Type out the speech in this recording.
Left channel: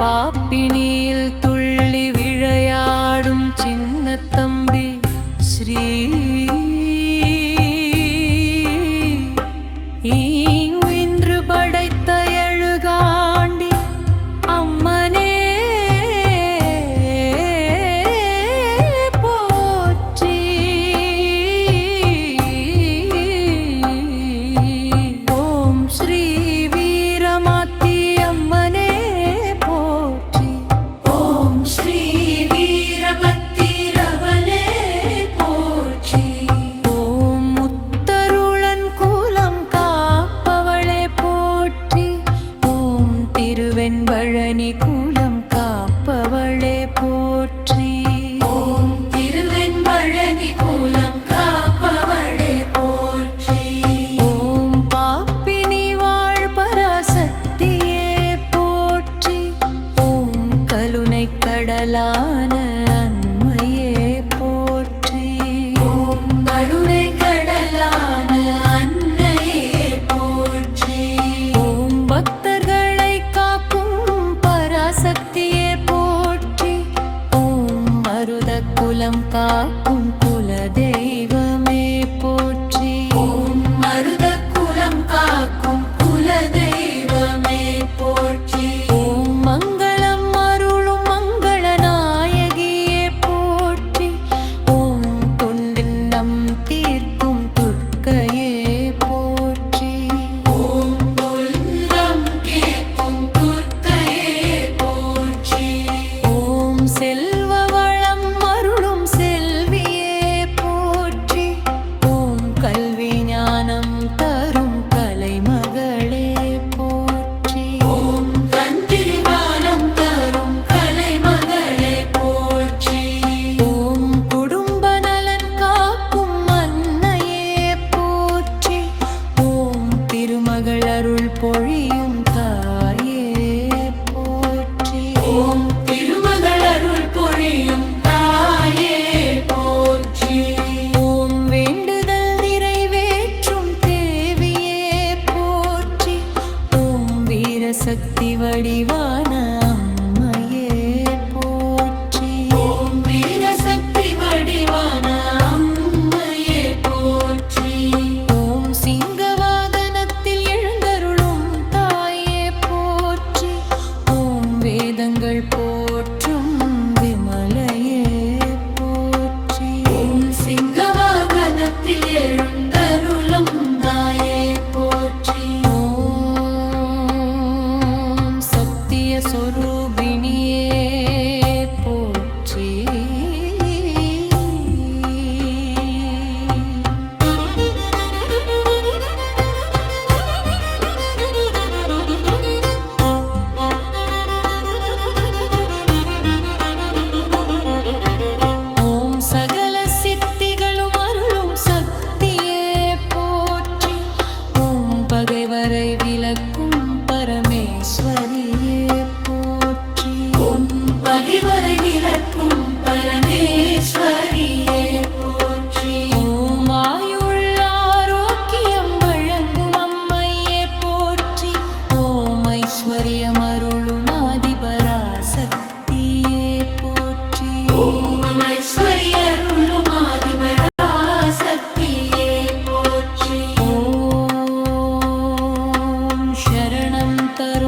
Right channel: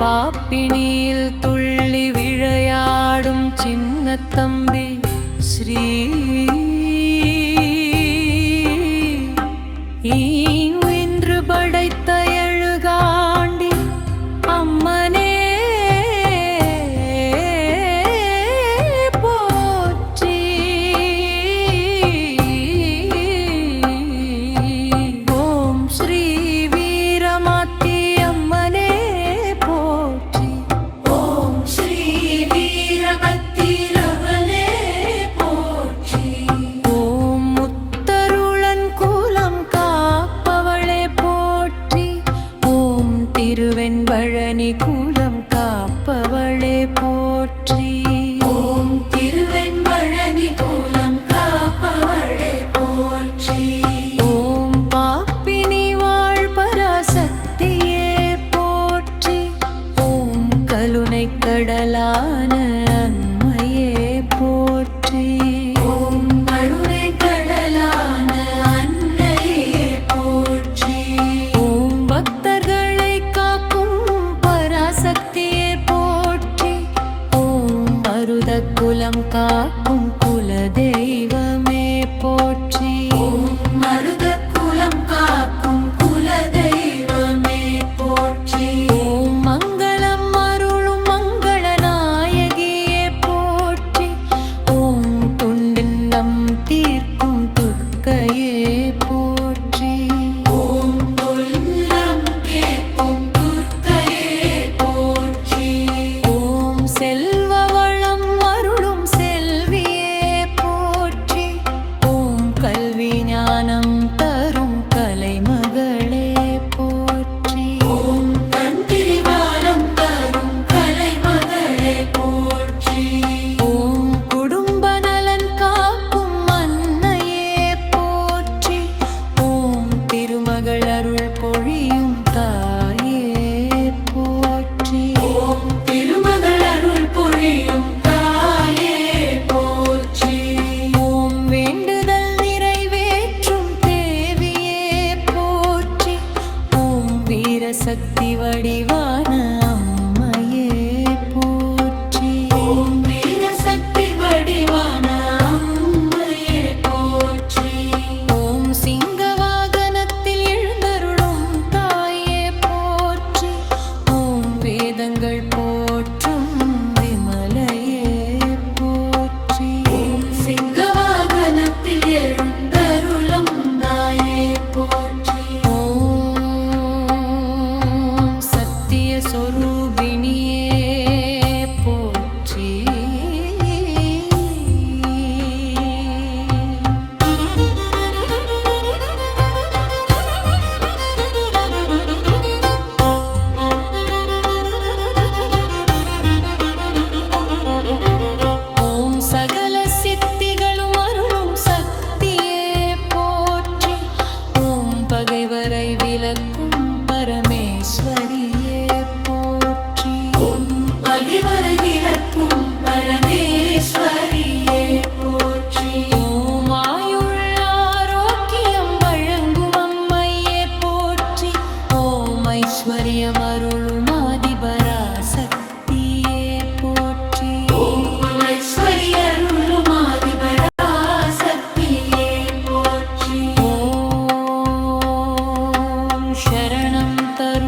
பாப்பினியில் துள்ளி விளையாடும் சின்ன தம்பி ஸ்ரீ இன்று படைத்த எழுகாண்டி அம்மனே போற்றி. ஓம் ஸ்ரீ வீரமாத்தி அம்மனே போற்றி. ஓம் ஸ்ரீ வீரபத்திரவனே போற்றி. ஓம் முத்தருளன் குலம் காப்பவளே போற்றி. ஓம் திருவெண்பழனி குலம் காப்பவளே போற்றி. ஓம் திருவெண்பழனி குலம் காப்பவளே போற்றி. ஓம் பாப்பினி வாழ் பராசக்தியே போற்றி. ஓம் கருணை கடலான அன்மையே போற்றி. ஓம் கருணை கடலான அன்னையே போற்றி. ஓம் பக்தர்களை காக்கும் பராசக்தியே போற்றி. ஓம் மருத குலம் காக்கும் குல தெய்வமே போற்றி. ஓம் மருத குலம் காக்கும் குல தெய்வமே போற்றி. ஓம் மங்களம் அருளும் மங்கள நாயகியே போற்றி. ஓம் துண்டின்னம் தீர்க்கும் துர்க்கையே போற்றி. ஓம் துன்பம் தீர்க்கும் துர்க்கையே போற்றி. ஓம் செல்வ வளம் அருளும் செல்வியே போற்றி. ஓம் கல்வி ஞானம் தரும் கலைமகளே போற்றி. ஓம் கல்வி ஞானம் தரும் கலைமகளே போற்றி. ஓம் குடும்ப நலன் காக்கும் அன்னையே போற்றி. ஓம் திருமகள் அருள் பொழியும் தாயே போற்றி. ஓம் திருமகள் அருள் பொழியும் தாயே போற்றி. ஓம் வேண்டுதல் நிறைவேற்றும் தேவியே போற்றி. ஓம் வீரசக்தி வடிவான அம்மையே போற்றி. ஓம் வீரசக்தி வடிவான அம்மையே போற்றி. ஓம் சிங்க வாகனத்தில் எழுந்தருளும் தாயே போற்றி. ஓம் வேதங்கள் போற்றும் விமலையே போற்றி. ஓம் சிங்க வாகனத்தில் எழுந்தருளும் தாயே போற்றி. ஓம் சத்திய சொரூபிணியே போற்றி. ஓம் சகல சித்திகளும் அருளும் சக்தியே போற்றி. ஓம் பகைவரை விலக்கும் பரமேஸ்வரியே போற்றி. ஓம் பகைவரை விலக்கும் பரமேஸ்வரியே போற்றி. ஓம் ஆயுள் ஆரோக்கியம் வழங்கும் அம்மையே போற்றி. ஓம் ஐஸ்வர்யம் அருளும் ஆதிபராசக்தியே போற்றி. ஓம் ஐஸ்வர்ய அருளும் ஆதிபராசக்தியே போற்றி. ஓம் சரணம் தரும்